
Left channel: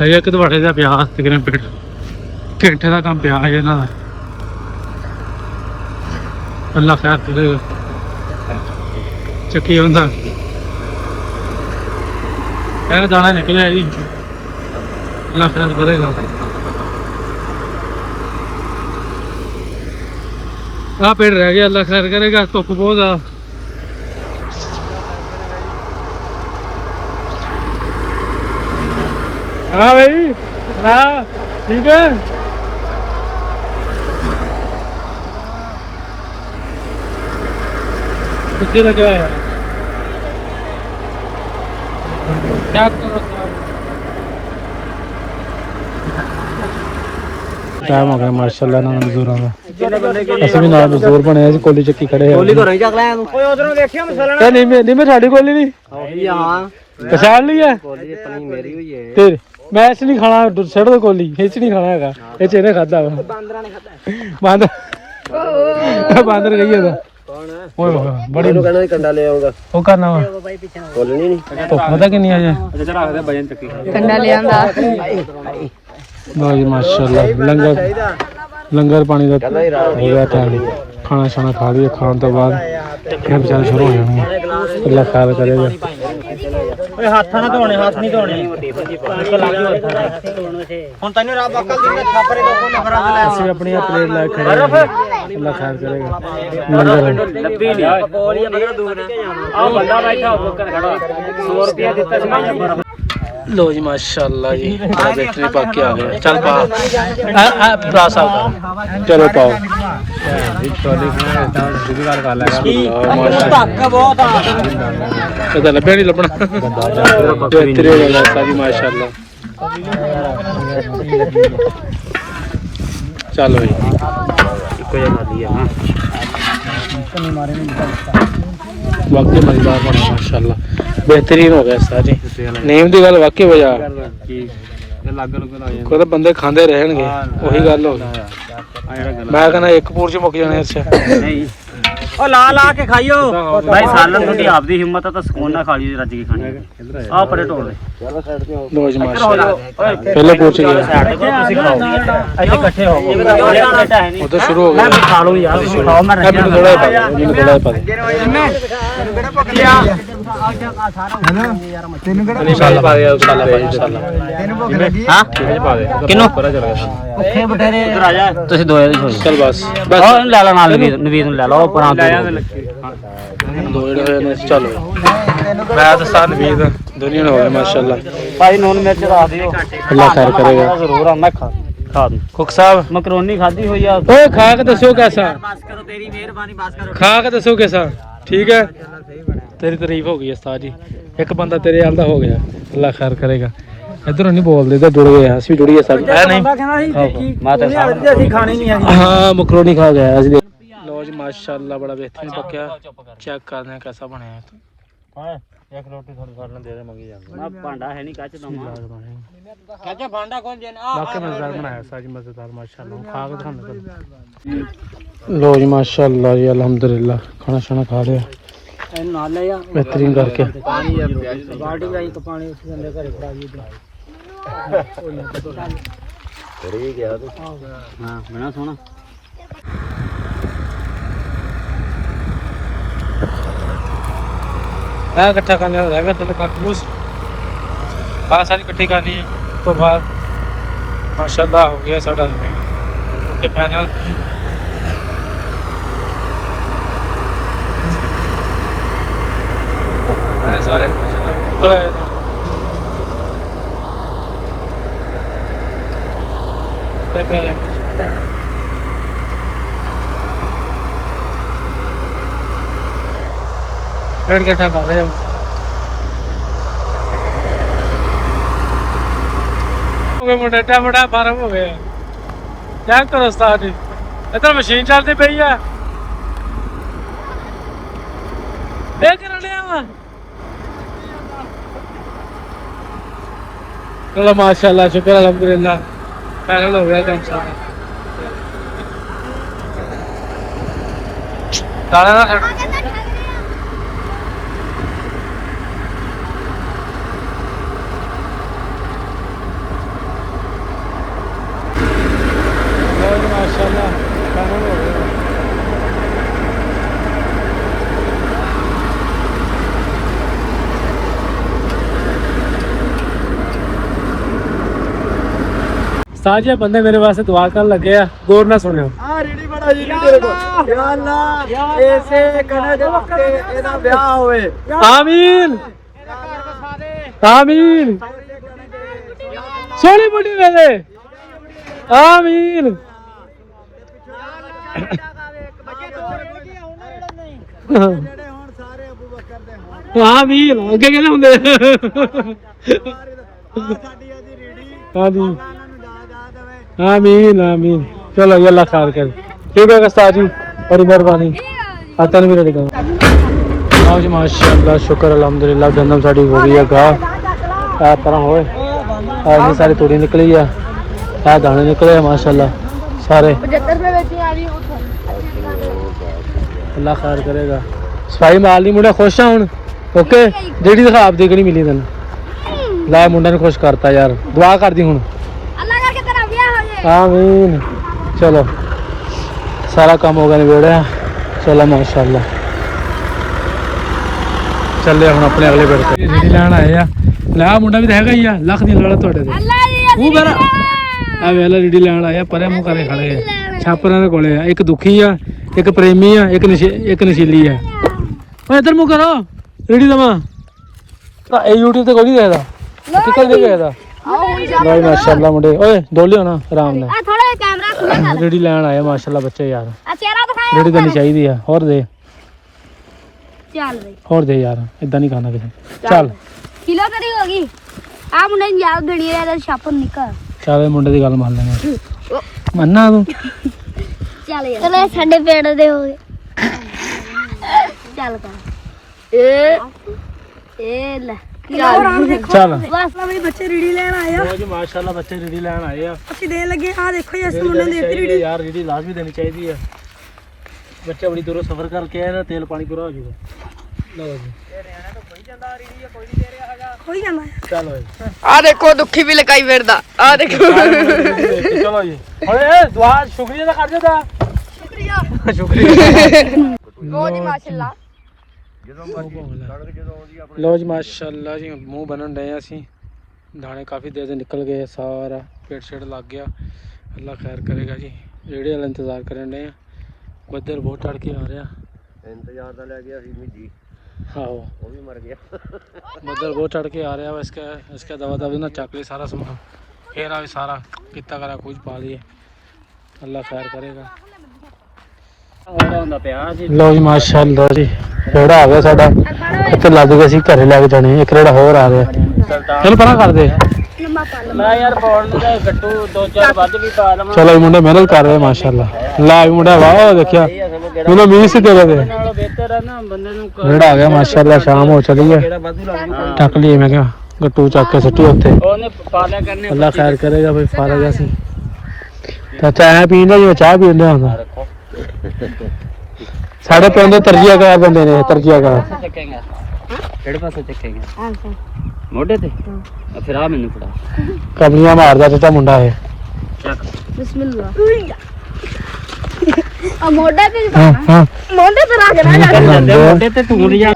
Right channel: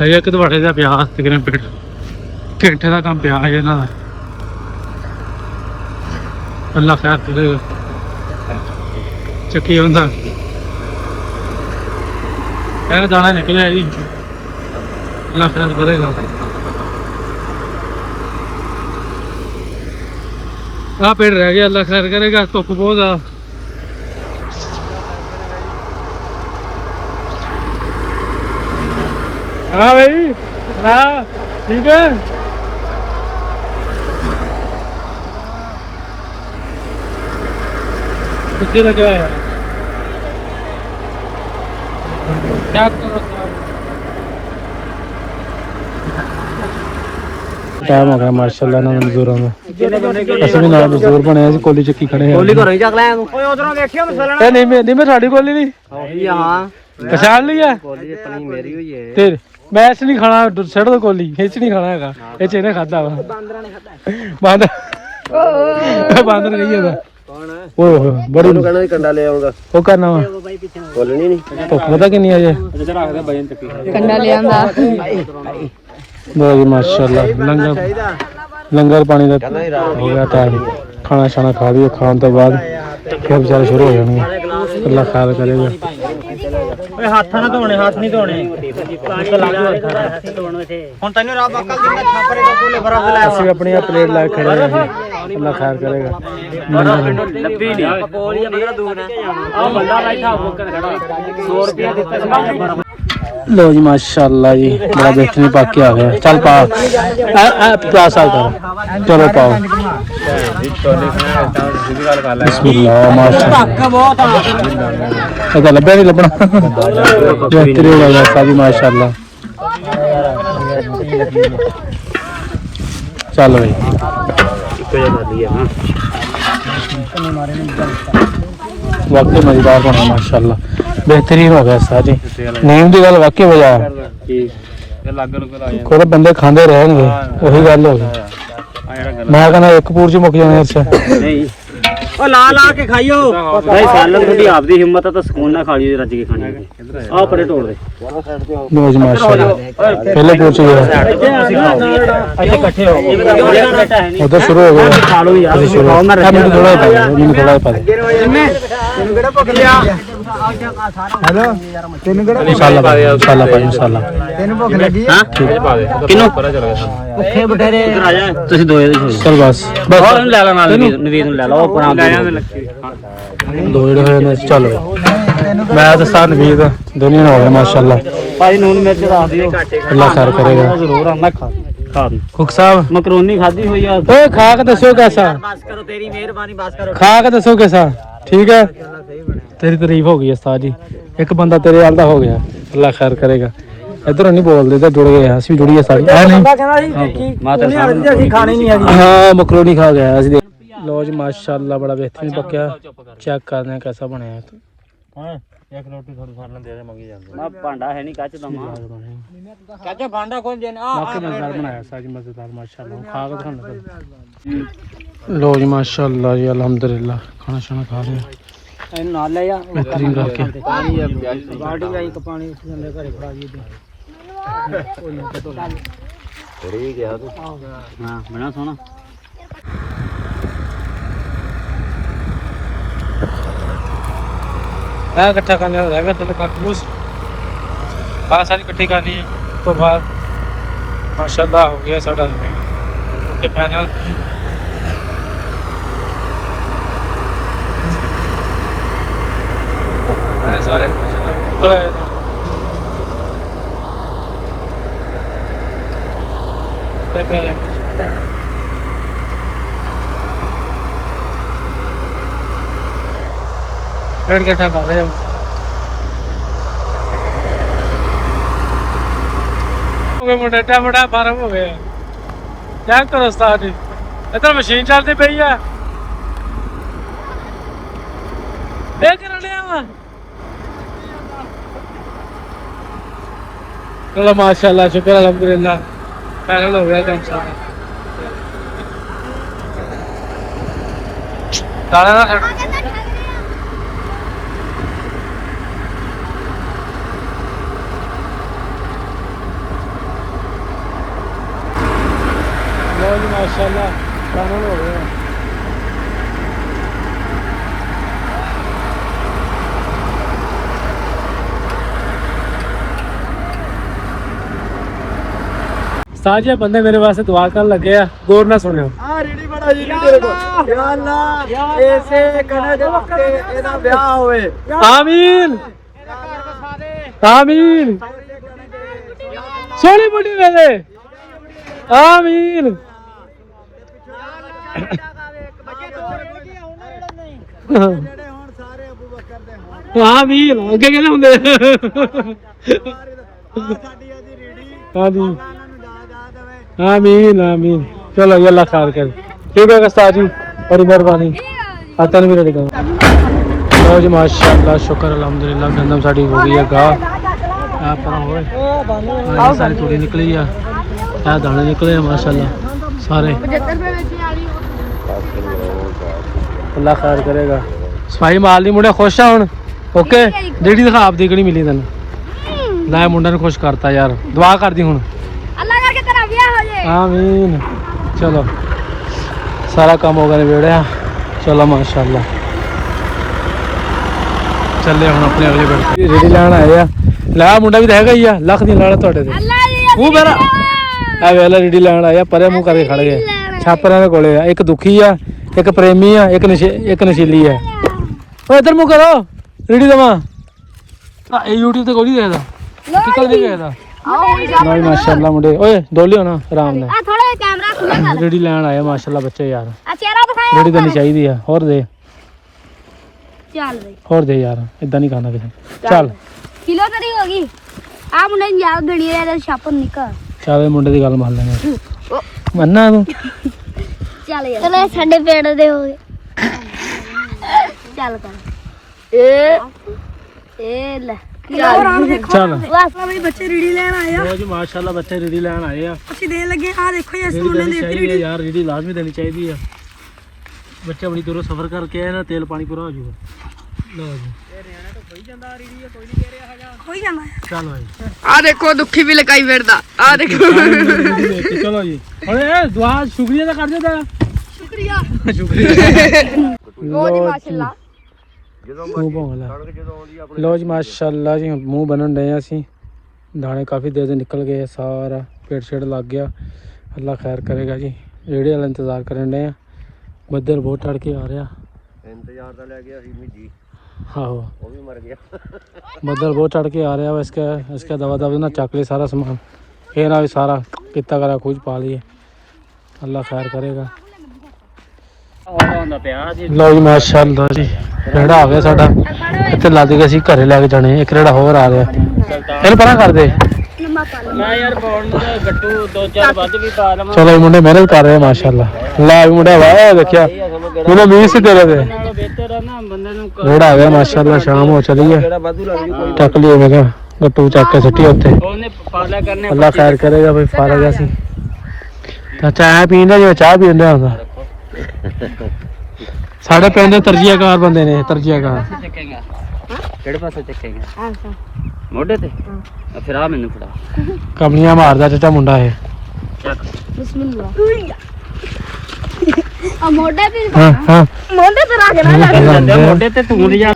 ਹੈਗਾ ਕਿ ਤੁਹਾਡੇ ਦਾ ਪਿਆ ਤਕਰੀਬਨ ਪੇੜ ਘੰਟੇ ਦਾ ਕੰਮ ਪਿਆ ਹੈ ਇਹਨਾਂ ਦਾ ਅੱਲਾ ਖੈਰ ਕਰੇਗਾ ਚੱਕੀ ਹੁੰਦਾ ਇਹ ਦਾਣਾ ਨਿਕਲਿਆ ਜੀ ਅੱਲਾ ਖੈਰ ਕਰੇਗਾ ਆ ਪੇੜ ਰਹਿ ਗਿਆ ਅੱਲਾ ਖੈਰ ਕਰੇਗਾ ਧੁੱਪ ਬਹੁਤ ਆ हाँ भाई हाँ ठीक है कितने लगे है क्या करो माशाल्लाह ने मजदूर असली नाम मजदूर बने कोली चक्की खड़े हैं नहीं मैं साड़ी कोली नहीं पहचान लिया तेरे मैं इस नहीं खाना छड़ दो कोली इस नहीं खाना हैगा ये चेने खाता वा बांदर बांदर गई है ओ बड़ो नु कहना कंडा ले आऊंगा तो करना बोलनी नहीं पता क्यों नहीं आया अच्छा रख दे भजन चक्की कंडा ले आंदा बहुत माशाल्लाह लंगर पानी का हो गया टाइम खाना खाना खा लिया खाने के बाद सब जल शुरू हो गए अल्लाह खैर करेगा ਓਏ ਹੱਥਾਂ ਨਾਲ ਧੋਣੇ ਹੱਥ ਨਹੀਂ ਧੋਣੇ ਨਿਕਲ ਆ ਗਿਆ ਹੁਣ ਤੈਨੂੰ ਰੱਬ ਅਕਲ ਦਿੰਦਾ ਛਾਪਰੇ ਦਾ ਕੋਲੇ ਫਰਾਜ਼ ਲੈ ਅਸੀਂ ਆਪਣੀ ਪਲੇਟ ਲੈ ਖੜੇ ਹਾਂ ਅੱਲਾਹ ਖੈਰ ਕਰੇਗਾ ਲੱਭੀ ਨਹੀਂ ਪਕੌੜੀਆਂ ਬੜਾ ਦੂਰ ਹੈ ਆਹ ਬੰਦਾ ਬੈਠਾ ਉੱਪਰ ਖੜਾ 100 ਰੁਪਿਆ ਦਿੱਤਾ ਸੀ ਮੈਂ ਬਰਫ लो जी माशाल्लाह जी बड़ा बेहतरीन पाक के आ गया चल पा प्ला साहब कर चलो पा लभ्या नहीं लभना सारी माशाल्लाह चल भाई वाकई मजेदार बना माशाल्लाह बेहतरीन हो गया सारी नीम की गल वाकई वजह कोई बंदे खाते रहने वही गल हो गई मैं कहना एक पूर च मुक जाने नहीं ओ ला ला के खाइयो भाई सालन थोड़ी आपदी हिम्मत है तो सुकून ना खा लियो रज के खानी है आ परे तोड़ दे नवाज माशाल्लाह पहले पूछ इकट्ठे हो उधर शुरू हो गया खा लो यार खाओ मैं रखया तेनु केड़ा भुख लिया हेलो तेनु केड़ा मसाला भाई मसाला तेनु भुख लगी हां किनो भुखे बटेरे इधर आ जा तुसी दो चल बस और ला ला नाल नवीद ले लो पुराना दो चलो मैं दसा नवीद दुनिया ना हो माशाल्लाह भाई नून मिर्च आपने काटे खाना जरूर है ना खा कुक साहब मकरोनी खादी हो या खा के दसो कैसा बस करो तेरी मेहरबानी बस करो खा के दसो कैसा ठीक है तेरी तारीफ हो गई उस्ताद जी एक बंदा तेरे हाल दा हो गया अल्लाह खैर करेगा इधर नहीं बोलते तो दोनों गया सी जुड़ी है सारी है नहीं माता साहब खाने नहीं है हां मकरोनी खा गया असली लो जी माशाल्लाह बड़ा बेहतरीन पक्या चेक करते हैं कैसा बने है हां एक रोटी थोड़ी सालन दे दे मगी जान मैं भांडा है नहीं काच दमा चाचा भांडा कौन देना वाकई मजेदार बनाया साजी मजेदार माशाल्लाह खा के दिखाना चलो लो जी माशाल्लाह जी अल्हम्दुलिल्लाह खाना शाना खा लिया नाल ले जा बेहतरीन करके बाल्टी लाई तो पानी उस बंदे घर खड़ा जी ਥੋੜੀ ਗਿਆ ਤੂੰ ਹਾਂ ਬਣਾ ਸੋਹਣਾ ਆ ਇਕੱਠਾ ਕਰਨਾ ਹੋਵੇਗਾ ਤੇ ਕਾਕੂਸ ਆ ਸਾਰੀ ਇਕੱਠੀ ਕਰਨੀ ਹੈ ਤੋਂ ਬਾਅਦ ਮਾਸ਼ਾਅੱਲਾ ਹੋ ਗਿਆ ਸਾਡਾ ਤੇ ਪੈਨਲ ਸਾਰੇ पेड़ इकट्ठा कर रहे हैं मुंडे टमाटा फार्म हो गए क्या करो उस्ताद जी इधर मशीन चलती पई है चलो माशाल्लाह शुक्र अल्हम्दुलिल्लाह पैनल हो गया काम सारा ताला ना साजिया बंदे मेरे वास्ते दुआ कर लगे आ गौर ना सुनियो आ रेडी बड़ा जी तेरे को या अल्लाह ऐसे कने दे वक्ते एदा ब्याह होवे आमीन आमीन सोनी बुढ़ी वेले आमीन आमीन अगे कहने हुंदे हां जी आमीन आमीन चलो ये अल्लाह खैर करे ठीक है उस्ताद जी बड़ी मेहरबानी आता नहीं मेरे को जी माशाअल्लाह शुक्र अल्हम्दुलिल्लाह गंदम साड़ी हो गई है गाह आ पर होए आ सारी तूड़ी निकली है आ दाने निकले हैं माशाअल्लाह सारे अल्लाह खैर करेगा सफाई माल नहीं मुंडे खुश है हुन ओके जेडी दिखा आप देखनी मिली तन ला मुंडा ने खुश करता यार दुआ कर दी हुन आमीन चलो सारा काम होगा निबेड़े चलो माशाअल्लाह चले हम अपने अगले बेड़ ते रेडी लैन आए ला मुंडा भी हैगा ही आ लख दी लाड़ा ਤੁਹਾਡੇ ਤੇ ਉਹ ਮੇਰਾ ਆ ਵੇਲਾ रेडी लैन आया परे मुंह करे खड़ गए छापरां दे कोले आ एक दुखी आ एक प्रेमी आ एक नशीली आ ओए इधर मुंह करो रेडी दवा ए YouTube ਤੇ ਕੋਈ ਨਹੀਂ रहदा निकल दे गया भाई माशाल्लाह मुंडे ओए डोलियो ना आराम नाल आ थोड़ा कैमरा खुला रेडी लैन आया माशाल्लाह बच्चे यार आ चेहरा दिखाया रेडी करनी चाहिए है और दे चल भाई और दे यार इदां नहीं खाना किसी चल किलो तरी होगी आ मुंडे यार गड़ी है छाप निकल चल मुंडे की गल मान लेना मन्ना तू चल यार चले साडे पेड़ दे चल कर ए ले चल बच्चे रेडी लेन आए जी माशाल्लाह बच्चे रेडी लेन आए अच्छी देन लगे आ देखो ये मुंडे दी रेडी यार रेडी लाजमी देनी चाहिए है बच्चे बड़ी दूरों सफर करके आए ना तेल पानी पूरा हो जाएगा लो जी कोई जाना चल भाई आ देखो दुखी भी लगाई फिरदा आ देखो चलो जी अरे दुआ शुक्रिया कर देता शुक्रिया लो जी माशाल्लाह लो जी माशाल्लाह जी मुँह बनन डे असी दाने काफ़ी देर निकल गए सारा पेट शेट लग गया अल्लाह खैर करेगा जी रेड़े वाला इंतज़ार करन डे बदल बहुत चढ़ के आ रहा हाँ बदल बहुत चढ़ के आ रहा इसका दवा दवा ना चक ले सारा सामान फिर आ सारा किता करा खोज पा लिए अल्लाह खैर करेगा लो जी माशाल्लाह जी रेड़ा आ गया साडा इत्थे लग गया सी घरे लेके जाने एक रेड़ा होर आ रहा चल परा कर दे मैं यार बोल दे गट्टू दो चार बाद भी पा लवा चलो मुंडे मेहनत कर रहे माशाल्लाह लाल मुंडा वाह देखया मुंडे मीर से तेरे पे बेहतर है ना बंदे नु रेड़ा आ गया माशाल्लाह शाम हो चली है तक लिए मैं गट्टू चक के सट्टी उत्ते ओने पाला करने अल्लाह खैर करेगा भाई फारग सी चाय पींदा जो चाय पींदा है साढ़े पिंड तरजीहकार बंदे ने तरजीहकार ਕਿਹੜੇ ਪਾਸੇ ਚੱਕੇਗੀ ਮੋਢੇ ਤੇ ਫਿਰ ਆ ਮੈਨੂੰ ਫੜਾ ਕਬਲੀਆਂ ਮਾਰਦਾ ਤੇ ਤਾਂ ਮੁੰਡਾ ਹੈ ਚੱਕ ਬਿਸਮਿਲ੍ਲਾ ਆ ਮੋਢੇ ਤੇ ਹਾਂ ਹਾਂ ਮੋਢੇ ਤੇ ਰੱਖ ਨਾ ਜਾਂਦੇ ਮੋਢੇ ਤੇ ਤੂੰ ਨਹੀਂ ਜਾ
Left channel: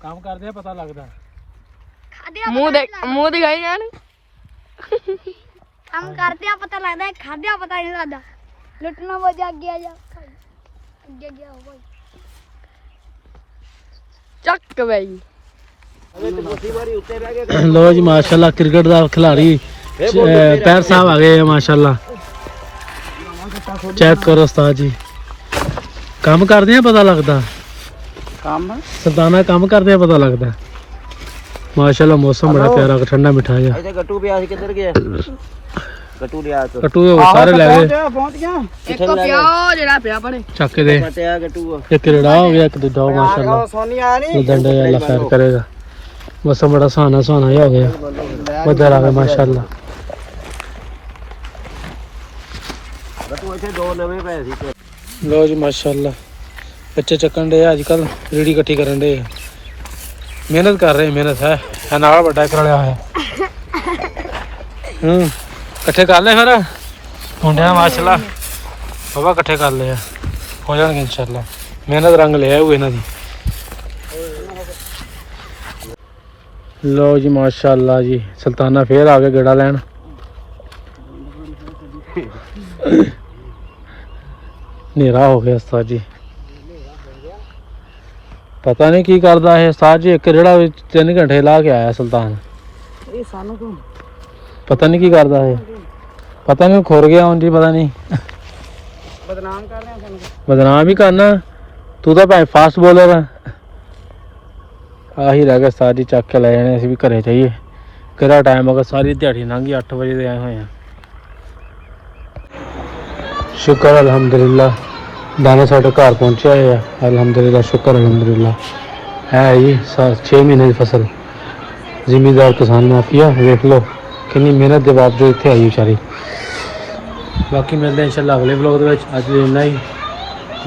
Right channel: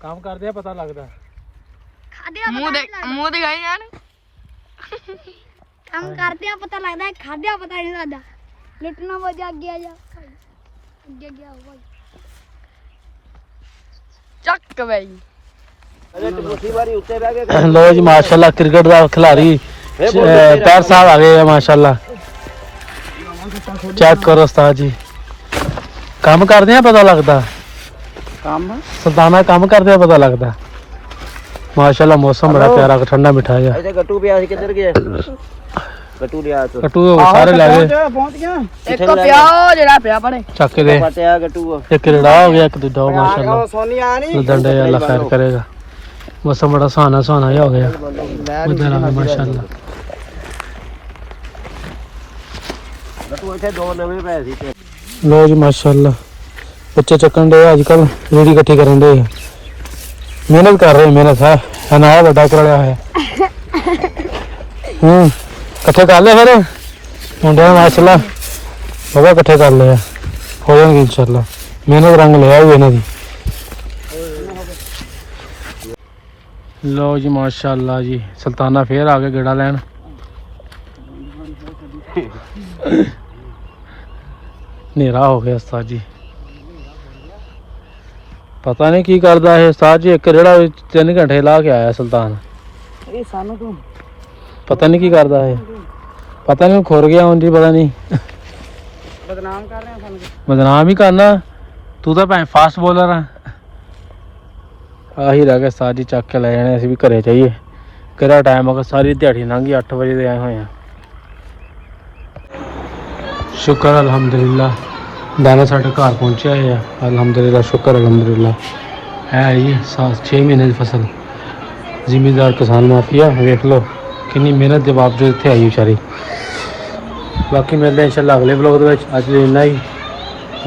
ਕੰਮ ਕਰਦੇ ਆ ਪਤਾ ਲੱਗਦਾ ਮੂੰਹ ਦਿਖਾਈ ਜਾਣ ਕੰਮ ਕਰਦੇ ਆ ਪਤਾ ਲੱਗਦਾ ਖਾਦਿਆ ਪਤਾ ਨਹੀਂ ਲੱਗਦਾ ਲੁੱਟਣਾ ਵਜਾ ਗਿਆ ਜਾ ਅੱਗੇ ਗਿਆ ਭਾਈ ਚੱਕ ਬਈ ਲੋ ਜੀ ਮਾਸ਼ਾਅੱਲਾ ਕ੍ਰਿਕਟ ਦਾ ਖਿਲਾੜੀ ਪੈਰ ਸਾਹਿਬ ਆ ਗਏ ਆ ਮਾਸ਼ਾਅੱਲਾ ਚੈੱਕ ਕਰੋ ਉਸਤਾਦ ਜੀ ਕੰਮ ਕਰਦੇ ਆ ਪਤਾ ਲੱਗਦਾ ਕੰਮ ਸੁਲਤਾਨਾ ਕੰਮ ਕਰਦੇ ਆ ਪਤਾ ਲੱਗਦਾ ਮਾਸ਼ਾਅੱਲਾ ਮੌਸਮ ਬੜਾ ਪਿਆਰਾ ਠੰਡਾ ਮਿੱਠਾ ਜਿਹਾ ਇਹਦੇ ਗੱਟੂ ਪਿਆ ਸੀ ਕਿੱਧਰ ਗਿਆ ਗੱਟੂ ਲਿਆ ਤੋ ਕਟੂ ਸਾਰੇ ਲੈ ਗਏ ਪਹੁੰਚ ਗਿਆ ਇੱਕ ਪਿਆ ਜਿਹੜਾ ਪਿਆ ਬਣੇ ਚੱਕ ਦੇ ਪਤਿਆ ਗੱਟੂ ਇੱਕ ਰੜਾ ਹੋ ਗਿਆ ਇੱਕ ਦੂਜਾ ਮਾਸ਼ਾਅੱਲਾ ਸੋਨੀ ਆ ਨਹੀਂ ਡੰਡੇ ਅੱਲਾ ਖੈਰ ਕਰੇਗਾ ਮੌਸਮ ਬੜਾ ਸੁਹਾਣਾ ਜਿਹਾ ਹੋ ਗਿਆ ਬੱਦਲ ਆ ਗਏ ਮਾਸ਼ਾਅੱਲਾ ਗੱਟੂ ਇੱਥੇ ਦੋ ਨਵੇਂ ਪਏ ਸੀ ਤੇ ਲੋ ਜੀ ਮਾਸ਼ਾਅੱਲਾ ਬੱਚੇ ਚੱਕਣ ਦੇ ਅੱਜ ਕੱਲ ਰੇੜੀ ਇਕੱਠੀ ਕਰਨ ਦੇ ਮਿਹਨਤ ਕਰ ਰਹੇ ਮਿਹਨਤ ਹੈ ਨਾਲ ਵੱਡਾ ਕਰ ਲਿਆ ਹੋਇਆ ਹਾਂ ਇਕੱਠੇ ਕਰ ਲੈ ਫਿਰ ਮੁੰਡੇ ਮਾਸ਼ਾਅੱਲਾ ਬਾਬਾ ਇਕੱਠੇ ਕਰ ਲਿਆ ਹੋ ਜਾਣਗੇ ਇਨਸ਼ਾਅੱਲਾ ਮਿਹਨਤ ਰੰਗ ਲਿਆ ਹੋਇਆ ਇਹਨਾਂ ਦੀ ਲੋ ਜੀ ਮਾਸ਼ਾਅੱਲਾ ਜੀ ਸੁਲਤਾਨਾ ਫੇਰ ਆ ਗਿਆ ਗੇੜਾ ਲੈਣ ਹਨੇਰਾ ਹੋ ਗਿਆ ਉਸਤਾਦ ਜੀ ਪਤਾ ਨਹੀਂ ਕੀ ਕਰਦਾ ਇਹ ਉਸਤਾਦ ਜੀ ਇੱਕ ਰੇੜਾ ਵਿੱਚ 3 ਘੰਟੇ ਲਾ ਕੇ ਆਇਆ ਸੁਲਤਾਨ ਇਹ ਸਾਨੂੰ ਤੂੰ ਪਤਾ ਨਹੀਂ ਕੀ ਕਰਦਾ ਇਹ ਪਤਾ ਨਹੀਂ ਖੁਰ ਗਿਆ ਹੁੰਦੀ ਪਤਾ ਨਹੀਂ ਬਦਨਾਮ ਕਰ ਰਿਹਾ ਸਾਨੂੰ ਬਦਨਾਮ ਹੀ ਕਰਨਾ ਤੂੰ ਤਾਂ ਭਾਵੇਂ ਫਾਸਟ ਬੋਲਰ ਆ ਆਹੀ ਰਹਿ ਗਿਆ ਉਸਤਾਦ ਜੀ ਚੱਕ ਕੇ ਲੈ ਜਾਣੇ ਅਸੀਂ ਵੀ ਘਰੇ ਜਾਈਏ ਕਿਹੜਾ ਟਾਈਮ ਹੋ ਗਿਆ ਸਾਰੀ ਦਿਹਾੜੀ ਲੰਘ ਗਈ 8 ਵਜੇ ਦੇ ਆਏ ਹੋਏ ਆ ਸ਼ੁਕਰ ਅਲਹਮਦੁਲਿਲਾ ਦਾਣਾ ਸਾਡੇ ਘਰ ਪਹੁੰਚਿਆ ਹੈ ਅਲਹਮਦੁਲਿਲਾ ਸ਼ੁਕਰ ਅਲਹਮਦੁਲਿਲਾ ਹੈ ਜੀ 6 ਮਹੀਨੇ ਦੀ ਫਸਲ ਜ਼ਿਮੀਂਦਾਰ ਕਿਸਾਨ ਮਾਫੀਆ ਵੇਖ ਲਓ ਕਿੰਨੀ ਮਿਹਨਤ ਦੇ ਬਾਵਜੂਦ ਇੱਥੇ ਆਈ ਕਰੇ ਬਾਕੀ ਮਿਲਦੇ ਇਨਸ਼ਾਅੱਲਾ ਅਗਲੇ ਵਲੋਗ ਦੇ ਵਿੱਚ ਅੱਜ ਇੰਨਾ ਹੀ